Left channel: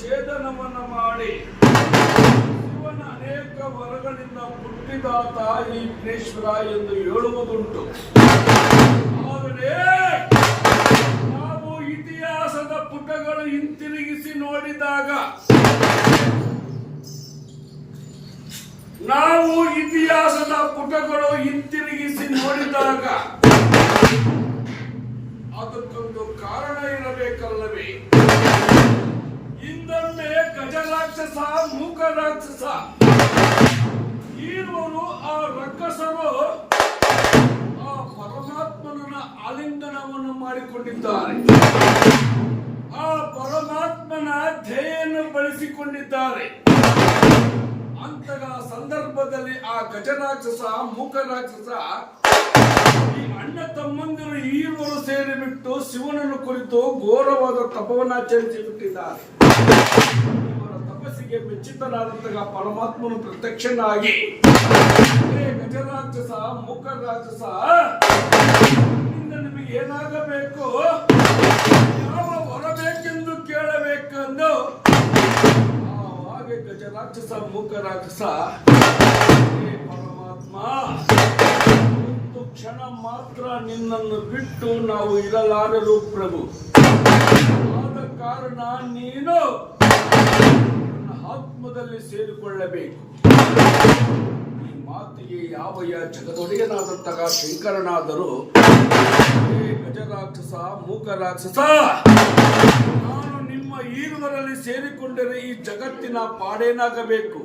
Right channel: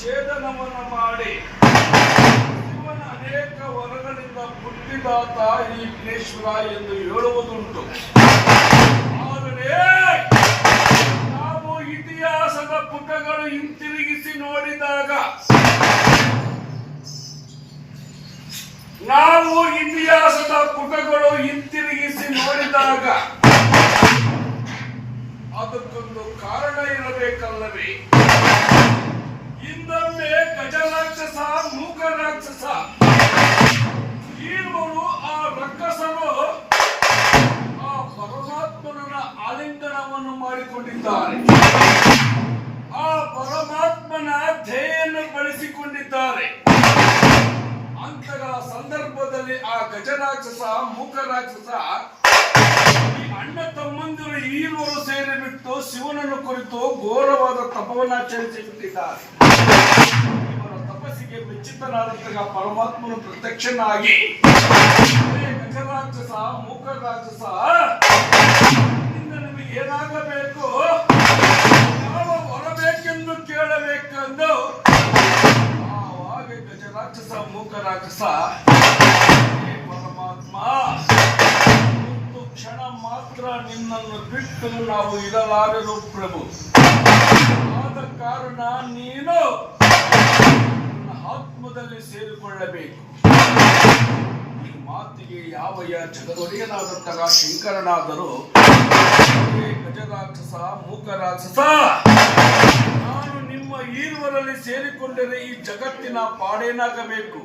ಶಿರಛೇದನವನ್ನು ಮಾಡಿ. ಶಿವನ ಅನೇಕ ವರಗಳಿಂದ ಹುಟ್ಟಿದಾತ ಈ ವಿಘ್ನೇಶ್ವರ ಎಂದು ಹೇಳುವುದುಂಟು. ಆದರೆ ನಾವು ಇತಿಹಾಸದ ಪುಟಗಳು ಹಿಂತಿರುಗಿಸಿ ನೋಡಿದಾಗ ನಾವು ಇತಿಹಾಸದ ಪುಟಗಳು ಹಿಂತಿರುಗಿಸಿ ನೋಡಿದಾಗ ಅದಕ್ಕೊಂದು ಕಾರಣ ಇರಬೇಕಲ್ಲವೇ? ಹಿಂದೊಮ್ಮೆ ಗಜರಾಕ್ಷಸ ಮೂಕ ರಾಕ್ಷಸ. ಈರ್ವರು ಆ ರಕ್ಕಸರು ಆ ಪರಮಾತ್ಮನ ಆಲಿಂಗನವನ್ನು ಮಾಡಿಕೊಂಡಿದ್ದಾರೆ. ಆ ಪರಮಾತ್ಮನ ಧ್ಯೇಯನ್ನು ಬಳಸಿಕೊಂಡಿದ್ದಾರೆ. ಅಂತಹ ಸಂದರ್ಭದಲ್ಲಿ ಆ ಗಜರಾಕ್ಷಸ ಮೂಕ ರಾಕ್ಷಸ ಅಣ್ಣ ತಮ್ಮಂದಿರು ಈರುವರು ಸೇರಿಬಿಟ್ಟು ಶಿವನನ್ನು ಕುರಿತು ಘೋರವಾದ ತಪವನ್ನಾಚರಿಸಿ ಬಿಟ್ಟಿದ್ದಾರೆ ಇವರ ತಪಸ್ಸಿಗೆ ಮೆಚ್ಚಿತನಾದಂತಹ ಪರಮಾತ್ಮನು ಪ್ರತ್ಯಕ್ಷನಾಗಿ ಗಜರಾಜಸ, ಮೂಕರಾಜಸ ಇನ್ನು ನಿಮಗೆ ಏನಾಗಬೇಕು? ಯಾವ ಹೊರಬೇಕೆಂದು ಬೇಕೆಂದು ಕೇಳಬೇಕೆಂದು? ಆವಾಗ ಗಜರಾಕ್ಷಸ ಮೂಕ ರಾಕ್ಷಸ "ಹೇ ಪರಮಾತ್ಮ ಕ್ಷಣ ಮಾತ್ರ ನಿನ್ನನ್ನು ಬಿಟ್ಟು ನಾವು ಇರಲಾರರು ಪ್ರಭು. ಆದ ಕಾರಣ ನೀನು ಆತ್ಮದಲ್ಲಿ ಸೇರಿಕೊಳ್ಳಬೇಕು. ಈ ಮಾತಿಗೆ ಯಾವ ಜಗದೊಡೆಯನಾದಂತಹ ಶಂಕರನಾದರೂ "ಹೇ ಗಜರಾಕ್ಷಸ ಮೂಕ ರಾಕ್ಷಸ, ನಾನು ನಿಮ್ಮ ಸೇರಿಕೊಂಡರೆ ಈ ಜಗತ್ತಿನ ಪಾಡೇನಾಗಬೇಕು?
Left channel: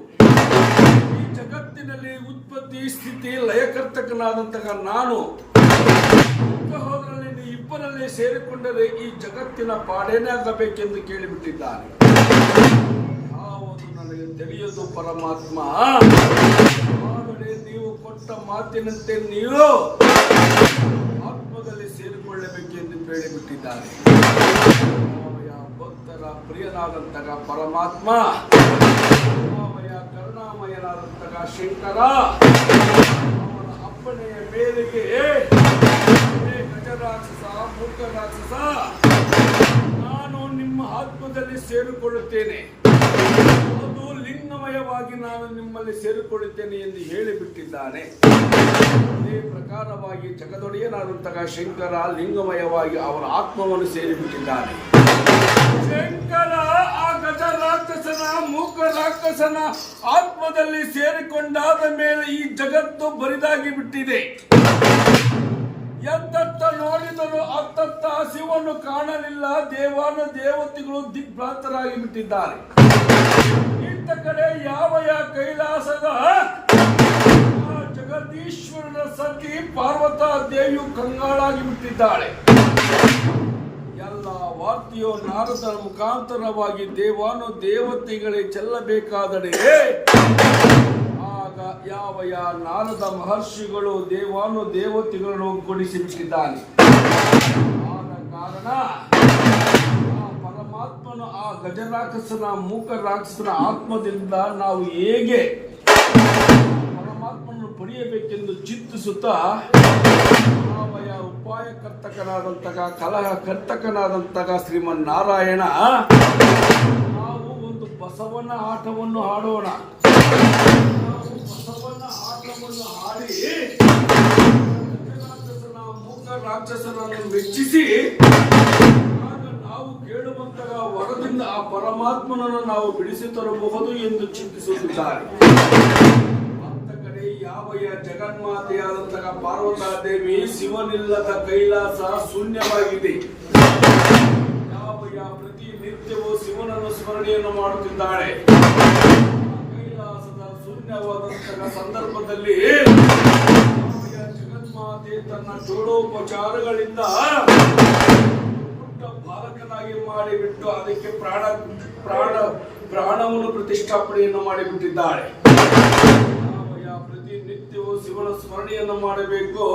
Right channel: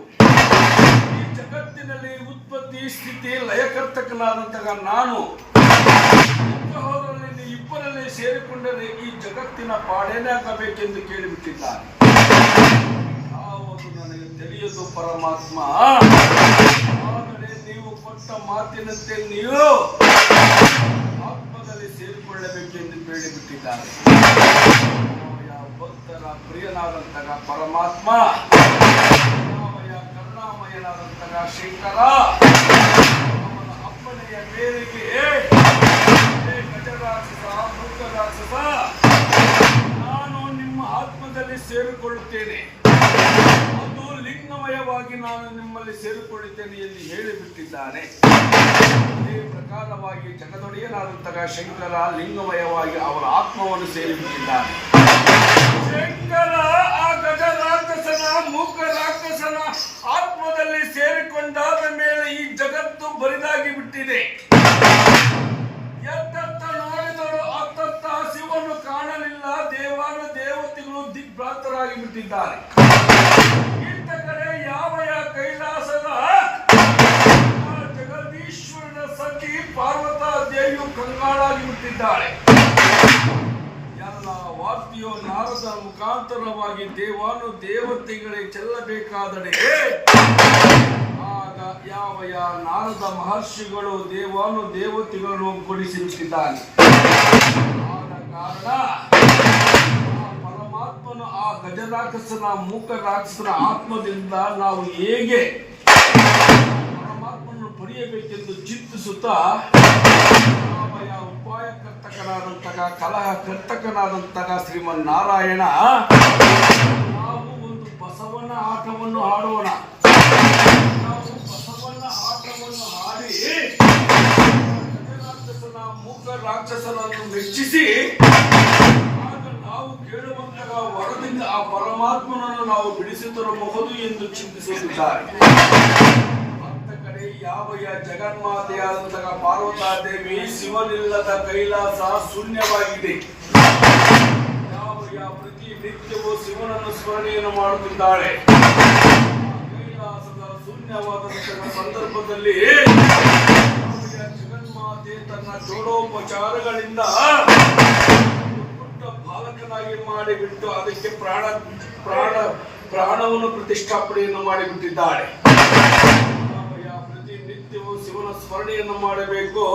ಈ ಜಗತ್ತಿನಲ್ಲಿ ಉತ್ಪತ್ತಿ, ಸ್ಥಿತಿ, ಲಯಕರ್ತಕನಾದಂತಹ ನಾನು ಇಬ್ಬರಲ್ಲಿ ಸೇರಿಕೊಂಡರೆ ಈ ಜಗತ್ತಿನ ಪಾಡೇನಾಗಬೇಕೆಂದು ಕೇಳಿಬಿಟ್ಟಿದ್ದಾನೆ ಯಾವುದು ನನಗೆ ತಿಳಿಯದು ಪರಮಾತ್ಮ? ಆದರೆ ನೀವು ಕೊಟ್ಟ ಮಾತಿನಂತೆ ನೀವು ಆತ್ಮದಲ್ಲಿ ಸೇರಿಕೊಳ್ಳಬೇಕೆಂದು ಹೇಳಿಬಿಟ್ಟಿದ್ದಾರೆ ಭಕ್ತರ, ಪ್ರಿಯನಾದಂತಹ ಪರಮಾತ್ಮ, ಕರುಣಾಮಯ, ಕರುಣಾಮಯನಾದಂತಹ ಶಂಕರ, ಅವನ ಅಪ್ಪಣೆಯ ಮೇರೆಗೆ ಗಜರಾಕ್ಷಸ ನಾನು ನಿಮ್ಮ ಆತ್ಮದಲ್ಲಿ ಸೇರಿಕೊಳ್ಳುತ್ತೇನೆ. ಅದು ಲಿಂಗಮಯವಾಗಿ ನಾನು ನಿಮ್ಮಲ್ಲಿ ಸೇರಿಕೊಳ್ಳುತ್ತೇನೆ ಎಂದು ಹೇಳಿಬಿಟ್ಟಿದ್ದಾನೆ. ಇದೇ ಪ್ರಕಾರವಾಗಿ ಜಗದೊಡೆಯನಾದಂತಹ ಶಂಕರ ಲಿಂಗಮಯವಾಗಿ ಅವರ ಆತ್ಮವನ್ನು ಸೇರಿಬಿಟ್ಟಿದ್ದಾನೆ. ಶಂಕರ ಆ ಗಜ ರಾಕ್ಷಸನ, ಮೂಕ ರಾಕ್ಷಸನ ಆತ್ಮದಲ್ಲಿ ಸೇರಿಕೊಂಡಾದ ಮೇಲೆ ಈ ಜಗತ್ತು ಬರಿದಾಗಿ ಬಿಟ್ಟಿದೆ ಎತ್ತತ್ತ ನೋಡಿದರೂ ಅತ್ತತ್ತ ಶಿವನು ಕಾಣಲಿಲ್ಲ. ದೇವಾನ ದೇವತೆಗಳು ದಿಗ್ಭ್ರಾಂತರಾಗಿ ಬಿಟ್ಟಿದ್ದಾರೆ ಇಂಥ ಸತಿ ಪಾರ್ವತ ದೇವಿಯು ಕಂಗಾಳಾಗಿ ಬಿಟ್ಟಿದ್ದಾಳೆ ಎಲ್ಲ ವಾರ್ತೆಯು ನಾರದ ಮುಖಾಂತರವಾಗಿ ದೇವಾನು ದೇವತೆಗಳೇ ಚೆಲ್ಲಬೇಕಾದರೆ ಆಗ ಯಾವ ಯಾವ ನಾರದ ಮಹರ್ಷಿಗಳು ದೇವಾನು ದೇವತೆಗಳನ್ನು ಕೊಡಿಸಿದ್ದಾನೆ ಆದ ಕಾರಣ ಪರಮಾತ್ಮನು ಆ ಗಜರಾಕ್ಷಸನ, ಮೂಕ ರಾಕ್ಷಸನ ಆತ್ಮದಿಂದ ನಾವು ಹೇಗೆ ಪಡೆಯಬೇಕೆಂದು ಚಿಂತಿಸುತ್ತಾ ರಾಮಯ್ಯ ಉಪಾಯ ಕರ್ತಕನಾದಂತಹ ಕಲಹ ಕರ್ತಕನಾದಂತಹ ಶ್ರೀಮನ್ ನಾರಾಯಣ ನಾವು ಒಂದು ಬಸವನ ಆಟವನ್ನು ಆಡೋಣ. ನಾವು ಬಸವನ ಆಟವನ್ನು ಆಡಿ ರಾಕ್ಷಸನ ಮೂಕ ರಾಕ್ಷಸನನ್ನು ಮೆಚ್ಚಿಸಿ ನಾವು ಕೇಳುವಂತಹ ವರದಿಂದ ಆ ಪರಮಾತ್ಮನನ್ನು ನಾವು ಬಿಡಿಸಿ ತರಬಹುದು ಎಂದು ಚಿಂತಿಸುತ್ತಿದ್ದಾರೆ. ಅತ್ತ ಜಗನ್ಮಾತೆಯಾದಂತಹ ಪಾರ್ವತಾ ದೇವಿ ಶಿವನಿಲ್ಲದ ಕೈಲಾಸ ಶೂನ್ಯವಾಗಿದೆ. ಯಾವಯ್ಯ ಪ್ರತಿ ನಿತ್ಯವೂ ಶಿವನನ್ನು ಸ್ಮರಣೆಯನ್ನು ಮಾಡುತ್ತಿದ್ದಾಳೆ. ಕೈಲಾಸದ ಶೂನ್ಯವಾದಂತಹ ಸಂದರ್ಭದಲ್ಲಿ ಜಗನ್ಮಾತೆ ತನ್ನ ಜೋಡೋಪಚಾರಗಳಿಂದ ಬಾಲಕನಾಗಿ ಮಾಡಿಬಿಟ್ಟು ಅದಕ್ಕೆ ಪ್ರಾಣ ಪ್ರಾಣ, ಪ್ರಾಣವನ್ನು ಪ್ರತಿಷ್ಠಾಪನೆಯನ್ನು ಮಾಡಿಬಿಟ್ಟಿದ್ದಾಳೆ. ಶಿವನ ಸ್ಮರಣೆಯನ್ನು ಮಾಡಬೇಕು.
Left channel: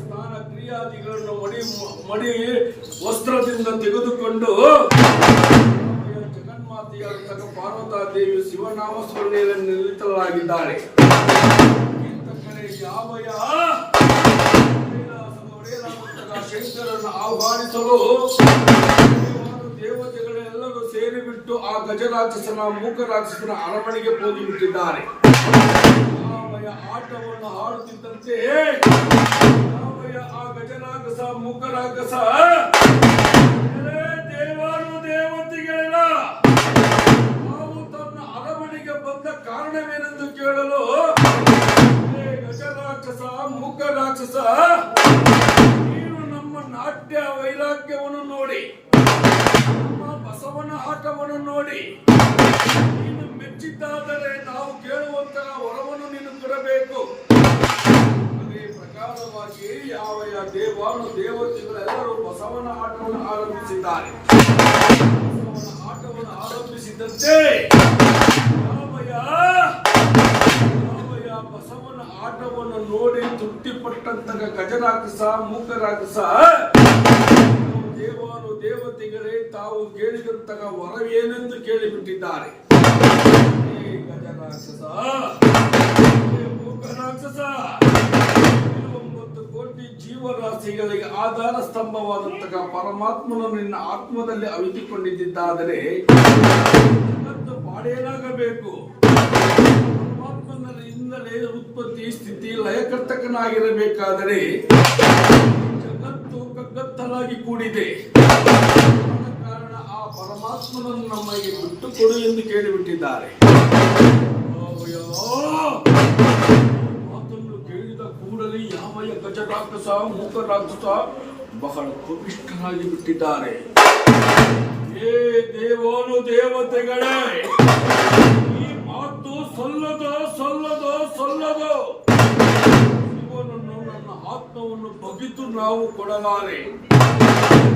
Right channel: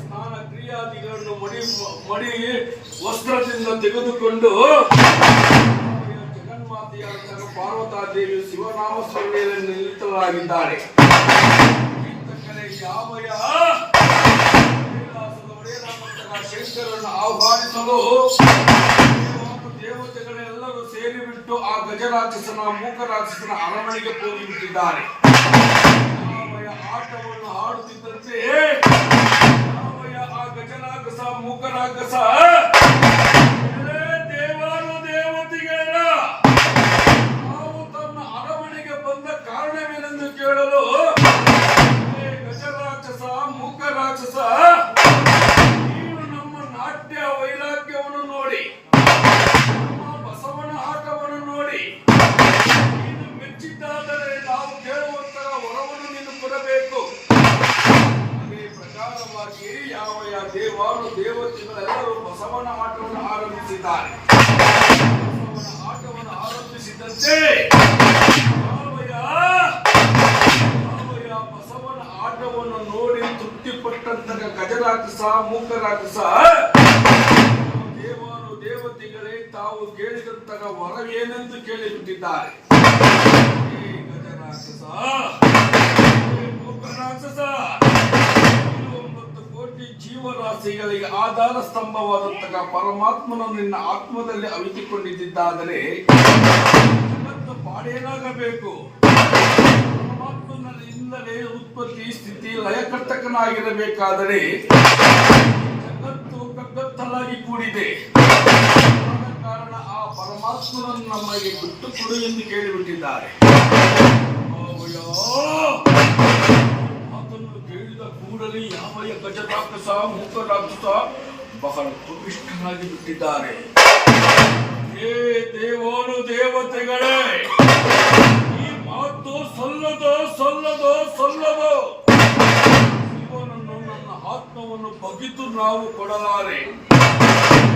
ಸ್ನಾನ ಕ್ರಿಯಾದಿಗಳನ್ನು ಮಡಿ ಮಡಿ ವಸ್ತ್ರದಿಂದ ತೆಗೆದುಕೊಂಡು ಜಗನ್ಮಾತೆಯಾದ ಪಾರ್ವತಾದೇವಿ ಪಾರ್ವತಾ ದೇವಿ ಶಿವನಾಮ ಸ್ಮರಣೆಯಲ್ಲಿ ನಿಲ್ಲಿತರಾಗಿದ್ದಾರೆ ಶಂಕರನ್ನು ಆಹ್ವಾನಿಸಲು ದೇವತೆಗಳೆಲ್ಲರೂ ಸೇರಿಬಿಟ್ಟು ಆ ಗಜರಾಕ್ಷಸನ ಮೂಕ ರಾಕ್ಷಸನ ಅರಮನೆಗೆ ಹೋಗಿಬಿಟ್ಟಿದ್ದಾರೆ ಆಟವನ್ನು ಆಡುತ್ತಿದ್ದಂತೆ ರಾಮಯ್ಯ ಆ ಗಜರಾಕ್ಷಸ ಮೂಕ ರಾಕ್ಷಸ "ಏ ದೇವಾನು ದೇವತೆಗಳ, ನಾವು ತನ್ನ ಅರಮನೆಗೆ ಬಂದ ಕಾರಣವೇನೆಂದು ಕೇಳಲು, "ಏ ಗಜರಾಕ್ಷಸ ಮೂಕ ರಾಕ್ಷಸ ನೀವು ನಮ್ಮ ನಾಟ್ಯ ವೈರಾಗ್ಯವನ್ನು ನೋಡಿ, ನಮ್ಮ ಬಸವನ ಆಟವನ್ನು ನೋಡಿ ನೀನು ಮೆಚ್ಚಿದ್ದಾದರೆ ನಾವು ನೀನು ಕೊಡಬೇಕು ಅದೇ ಪ್ರಕಾರವಾಗಿ ಯಾವ ಯಾವ ದೇವಾನು ದೇವತೆಗಳೆಲ್ಲರೂ ಬಸವನ ಆಟವನ್ನು ಆರಂಭಿಸಿದ್ದಾರೆ. ಬಸವನ ಆಟವನ್ನು ಆರಂಭಿಸಿದಂತೆ ಬಸವನ ಆಟವನ್ನು ನೋಡಿ ತೃಪ್ತಿಪಟ್ಟಂತಹ ಗಜರಾಕಿಸ ಮೂಕರಾಕಿಸ ದೇವಾನು ದೇವತೆಗಳೇ ತಾವು ಕೇಳಿದಂತಹ ವರವೇನೆಂದು ಕೇಳಿಬಿಟ್ಟಿದ್ದಾರೆ. ಗಜರಾಕ್ಷಸ ಇದು ಒಂಬತ್ತು ಕೋಟಿ ಜೀವರಾಶಿಗಳಿಗೆ ಆಧಾರ ಸ್ತಂಭವಾದಂತಹ ಪರಮಾತ್ಮನು ನಿನ್ನ ಆತ್ಮದಲ್ಲಿ ಅವಿತುಕೊಂಡಿದ್ದಾದರೆ ಪಾಡೇನಾಗಬೇಕು? ಪರಮಾತ್ಮನಲ್ಲಿ ಪರಮಾತ್ಮನಿಂದಲೇ ಉತ್ಪತ್ತಿ ಸ್ಥಿತಿ ಲಯಕರ್ತಕನಾಗಿರಬೇಕಾದರೆ ಜಗತ್ತು ಕಗ್ಗತ್ತಲಾಗಿ ಕೂಡಿದೆ. ಕಾರಣ ಆ ಪರಮಾತ್ಮನನ್ನು ನಮಗೆ ಬಿಟ್ಟು ಕೊಡು ಎಂದು ಕೇಳಿಬಿಟ್ಟಿದ್ದಾರೆ. Oh, ಯಾವಯ ಗಜರಾಕ್ಷಸ ಮೂಕರಾಕ್ಷಸ ಬಹಳ ಕೋಪಿಷ್ಠರಾಗಿ ಬಿಟ್ಟಿದ್ದಾರೆ. ಹೇ ದೇವೋನು ದೇವತೆಗಳೇ, ಈ ಮಾತು ಸಲ್ಲದೋ ಸಲ್ಲದೋ ಸಲ್ಲದೋ. ಶಿವನನ್ನು ನನ್ನ ಆತ್ಮವನ್ನು ಬಗೆದು ನಾವು ಕೊಡಲಾರೆ.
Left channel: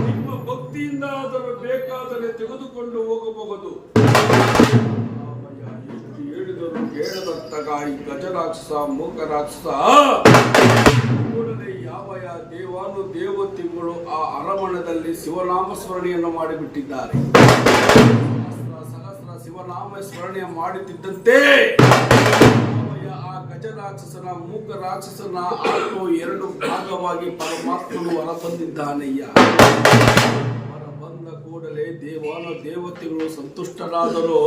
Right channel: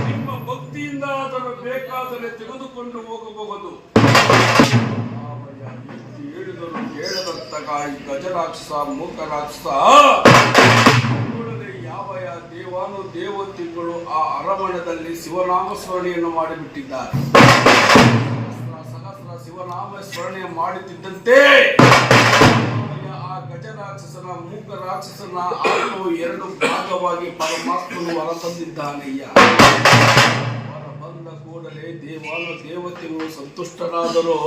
ನಿಮ್ಮ ಭಕ್ತಿಯಿಂದ ಅದನ್ನು ಬೇಕಾದರೆ ತೆಗೆದುಕೊಂಡು ಹೋಗಬಹುದು. ಹೇಳಿದರು ಕೇಳದಂತಗ ಈ ಗಜರಾಕ್ಷಸ ಮೂಕ ರಾಕ್ಷಸ ಕೂಡಲೇ ಯಾವ ಯಾವ ದೇವಾನು ದೇವತೆಗಳು ಆ ಅರಮಣದಲ್ಲಿ ಶಿವನಾಮ ಸ್ಮರಣೆಯನ್ನು ಮಾಡಿಬಿಟ್ಟಿದ್ದಾರೆ. ಸಹಸ್ರ ಶಿವನಾಮ ಸ್ಮರಣೆ ಮಾಡುತ್ತಿದ್ದಂತೆ ಆ ಗಜರಾಕ್ಷಸನ ಮೂಕ ರಾಕ್ಷಸನ ಆತ್ಮವು ಎರಡು ಭಾಗವಾಗಿ ಪರಮಾತ್ಮನು ಹೊರತಂದಿದ್ದಾನಯ್ಯ. ಹೊರ ಬಂದ ಕೂಡಲೇ ದೇವಾನು ದೇವತೆಗಳು ಸಂತುಷ್ಟರಾದರು.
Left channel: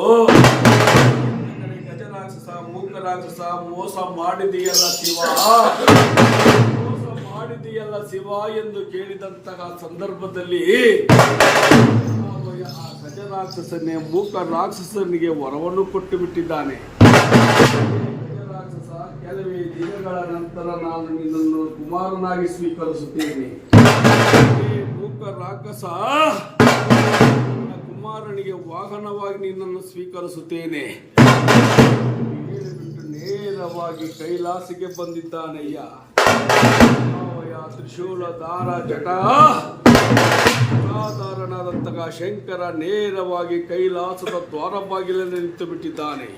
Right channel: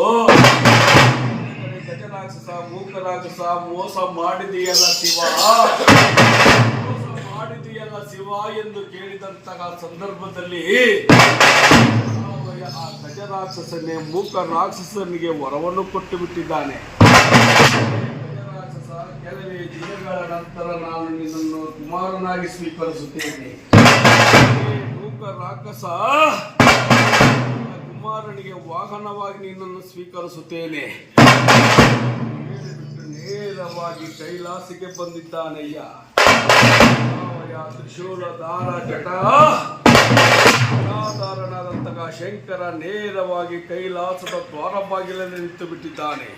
ಗಜರಾಕ್ಷಸ ಮೂಕ ರಾಕ್ಷಸ ಮೋಸ ಮಾಡಿದೆಯಲ್ಲ ಶಿವ? ಮಾಡಿದೆಯಲ್ಲ ಶಿವ ಎಂದು ಕೇಳಿದಂತಹ ಸಂದರ್ಭದಲ್ಲಿ ಆ ಗಜರಾಕ್ಷಸನೇ ಮೂಕ ರಾಕ್ಷಸನಿಗೆ ವರವನ್ನು ಕೊಟ್ಟು ಬಿಟ್ಟಿದ್ದಾನೆ. ಕೆಲವೇ ದಿನಗಳ ನಂತರ ನಾನು ನಿನ್ನನ್ನು ಕುಮಾರನಾಗಿ ಸ್ವೀಕರಿಸುತ್ತೇನೆ. ಮೂಕ ರಾಕ್ಷಸ ಕುಮಾರನಿಗೆ ವಾಹನವಾಗಿ ನಿನ್ನನ್ನು ಸ್ವೀಕರಿಸುತ್ತೇನೆ. ನೇರವಾಗಿ ಕೈಲಾಸಿಗೆ ಬಂದಿದ್ದಾನಯ್ಯ. ರಾಮಯ್ಯ ತ್ರಿಶೂಲ ದಾರ ಜಟ ಸಾಧಾರಣದಂತಹ ಶಂಕರ ನೇರವಾಗಿ ಕೈಲಾಸದ ದ್ವಾರ ಬಾಗಿಲಲ್ಲಿ ನಿಂತು ಬಿಟ್ಟಿದ್ದಾನೆ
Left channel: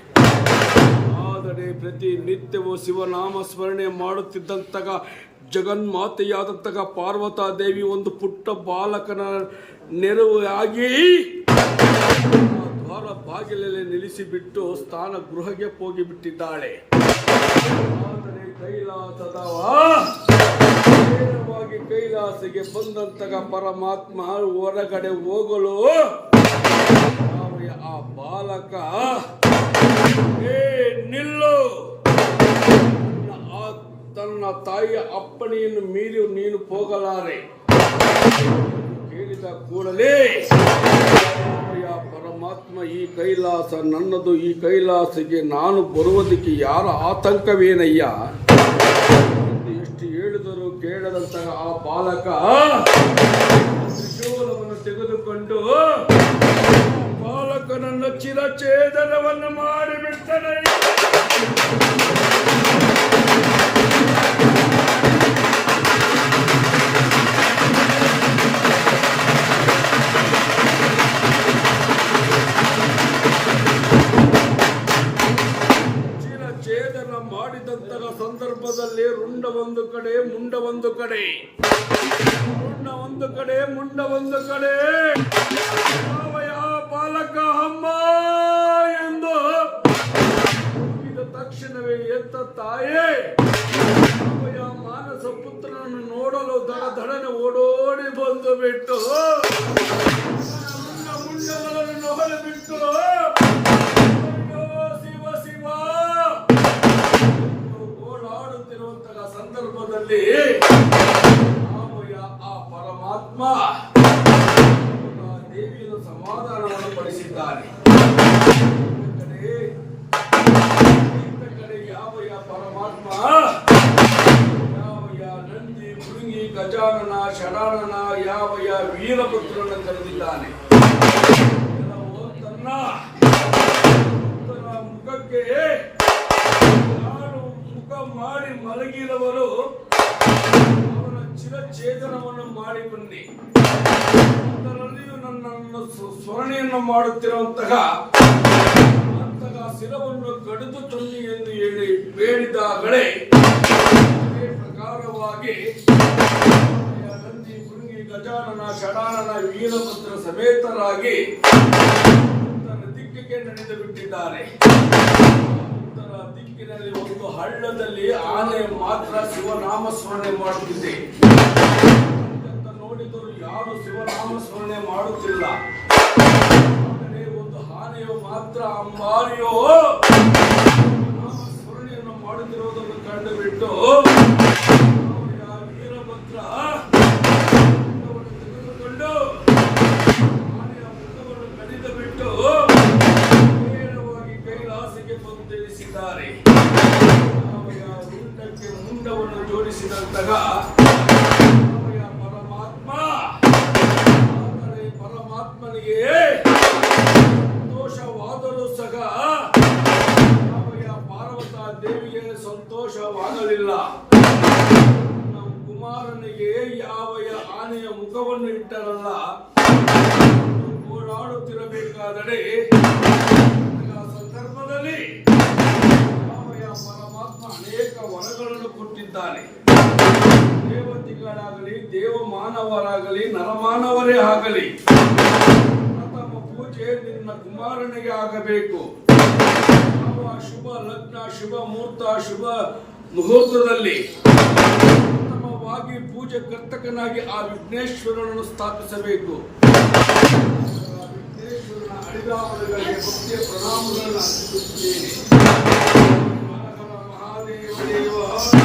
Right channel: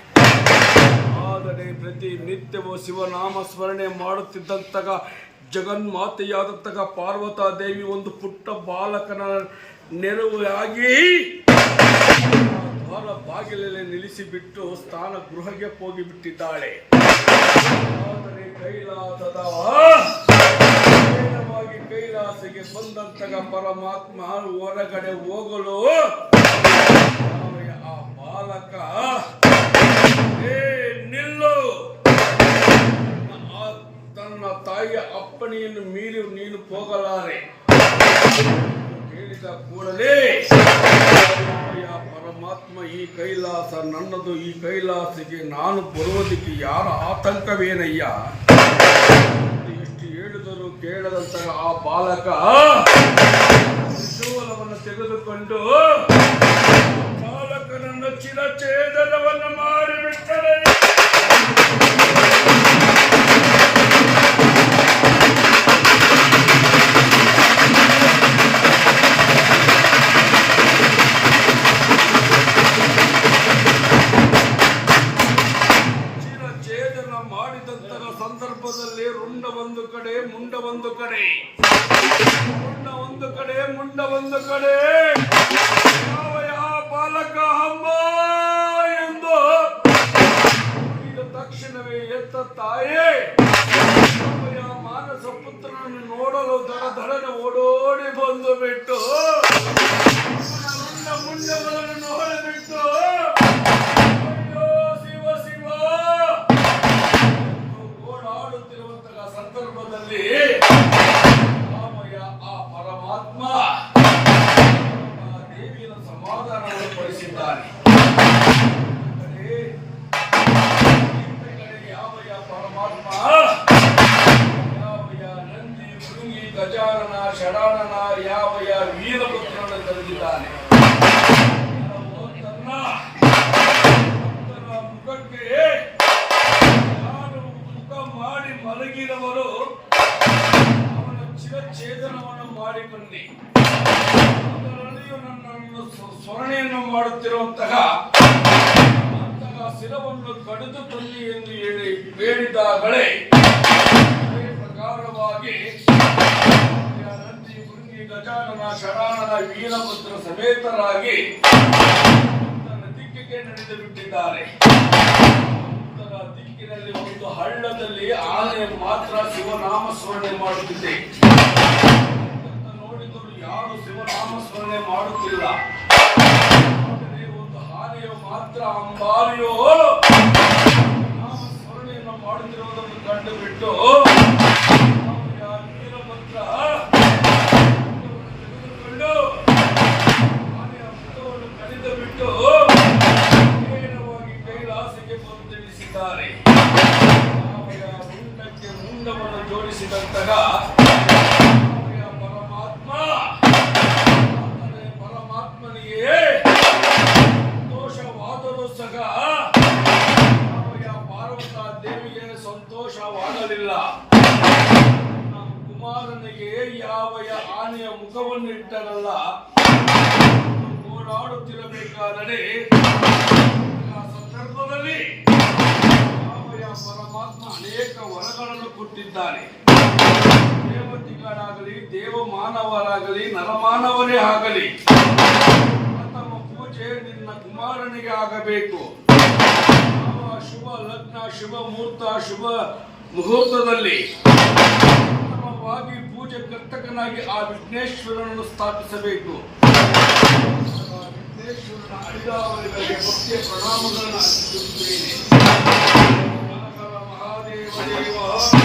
ಆದರೆ ಪ್ರತಿ ನಿತ್ಯವೂ ಶಿವನಾಮ ಸ್ಮರಣೆ ಮಾಡುತ್ತಿದ್ದಂತಹ ಜಗನ್ಮಾತೆಯಾದಂತಹ ಪಾರ್ವತಾದೇವಿ ಒಂದು ಪುಟ್ಟ ಬಾಲಕನ ನೆರವಾಗಿ ದ್ವಾರ ಬಾಗಿಲಲ್ಲಿ ನಿಲ್ಲಿಸಿಬಿಟ್ಟು ಸ್ಥಾನ ಗೃಹಕ್ಕೆ ಹೋಗಿಬಿಟ್ಟಿದ್ದಾಳೆ ಆದರೆ ಕೈಲಾಸದ ನೇರವಾಗಿ ಕೈಲಾಸಕ್ಕೆ ಬಂದಂತಹ ಪರಮಾತ್ಮ ಹೊರಗಡೆ ಹೋಗಲು ಆ ಬಾಲಕ, ಏ ನಿಲ್ಲು. ತನ್ನ ತಾಯಿಯ ಅಪ್ಪಣೆಯನ್ನು ಮೀರಿ ನೀನು ಹೋಗಲಾರೆ. ಹೇಳಿದ ಕೂಡಲೇ ಪರಮಾತ್ಮ, ಈ ಕೈಲಾಸ ನನ್ನದು, ಈ ಕೈಲಾಸಕ್ಕೆ ನಾನು ಬರುವುದಕ್ಕೆ ಯಾರ ಆತಂಕವೇನಯ್ಯ? ಕೇಳದಂತಹ ಆ ಬಾಲಕ ತ್ರಿಶೂಲವನ್ನು ತೆಗೆದುಕೊಂಡು ಆ ಬಾಲಕನನ್ನು ಚಿರಛೇದನವನ್ನು ಮಾಡಿಬಿಟ್ಟರೆ ಹೆತ್ತ ತಾಯೇ ಮಾನಸ ಪುತ್ರನನ್ನು ನೋಡಲು ದಡ ದಡನೆ ಓಡೋಡಿ ಬಂದು ಬಿಟ್ಟು, ನನ್ನ ಮುಂಜಗಳನ್ನು ನೋಡಿ ಬಿಟ್ಟು ಅಯ್ಯೋ, ಶಿವ ಶಿವ. ಓಡಾಡುತ್ತಿರುವಂತಹ ಸಂದರ್ಭದಲ್ಲಿ ಆ ಪರಮಾತ್ಮ ದೇವಿಯನ್ನು ಸಮಾಧಾನವನ್ನು ಪಡಿಸಿದ್ದಾನೆ ಗಜಾನನ ಯಾವ ಯಾವ ವೀರಪುತ್ರನ ಕರೆದಿದ್ದಾನೆ? ತನ್ನ ಮುಖಕ್ಕೆ ಯಾರು ಮುಖ ಮಾಡಿ ಮಲಗಿದವರು ಅವನ ಚಿರಛೇದನವನ್ನು ಮಾಡಿ ಬನ್ನಿ ಅದರಲ್ಲಿಯೂ ನನ್ನನ್ನು ಸ್ಮರಣೆಯನ್ನು ಮಾಡುತ್ತಿರುವಂತಹ ಅಂತಹ ಶಿರವನ್ನು ಕಡಿದು ತನ್ನಿ ಎಂದು ಹೇಳಿ ಬೇಡಿದಾಗಲೇ ಪ್ರಕಾರವಾಗಿ ಗಜಾನನ ಶರಾನನ ವೀರಭದ್ರ ಸಮೇತರಾಗಿ ದಿಕ್ಕಿಗೆ ನಡೆದು ಬಿಟ್ಟಿದ್ದಾರೆ ಉತ್ತರ ದಿಕ್ಕಿನಲ್ಲಿ ಒಂದು ಹಳ್ಳದಲ್ಲಿ ಆನೆ ಮಾತ್ರ ಶಿವನಾಮ ಸ್ಮರಣೆ ಮಾಡುತ್ತಿದೆ. ನೋಡಿದರೂ ಯಾರು ಶಿವನಾಮ ಸ್ಮರಣೆ ಮಾಡುತ್ತಿಲ್ಲ. ಒಂದು ಆನೆಯು ಮಾತ್ರ ಅಂಬಾರಿಯೋ, ನಾಮ ಸ್ಮರಣೆಯನ್ನು ಮಾಡುತ್ತಿರುವುದನ್ನು ಕಂಡು ಸಂತೋಷವಾಗಲಿಲ್ಲ ನಮ್ಮ ಕುಮಾರನಿಗೆ ಯಾವಯ ಆನೆಯ ಮುಖವನ್ನು ಇಟ್ಟರಲ್ಲ ಓಡಾಡುತ್ತಿರಬೇಕಾದರೆ ಆ ಸಂದರ್ಭದಲ್ಲಿ ಯಾವಯ ಪರಮಾತ್ಮ ಅನೇಕ ವರಗಳನ್ನು ಕೊಟ್ಟಿದ್ದಾನೆ. ದೇವತೆಗಳಾಗಲಿ, ದೇವಮಾನವರಾಗಲಿ, ನರಮಾನವರೇ ಆಗಲಿ, ಪ್ರಥಮ ಪೂಜೆ ನಿನ್ನ ಕುಮಾರನಿಗೆ ಆಗಬೇಕು. ಯಾವ ಶುಭ, ಲಗ್ನ, ಶುಭ, ಮುಹೂರ್ತ, ಶುಭ ಮುಹೂರ್ತದಲ್ಲಿ ಉತ್ತಮವಾಗಿ ಪೂಜೆ ಕರ್ತಕನಾಗಿ ಆ ವಿಘ್ನೇಶ್ವರನನ್ನು ಸ್ಥಾಪಿಸಬೇಕು. ವಿಘ್ನೇಶ್ವರನ ಅಡಿಗಾವಲಿನಲ್ಲಿ ಪ್ರಣಾಮಗಳನ್ನು ಅರ್ಪಿಸುತ್ತೇನೆ. ಮಹಾದೇವ ದೇವ.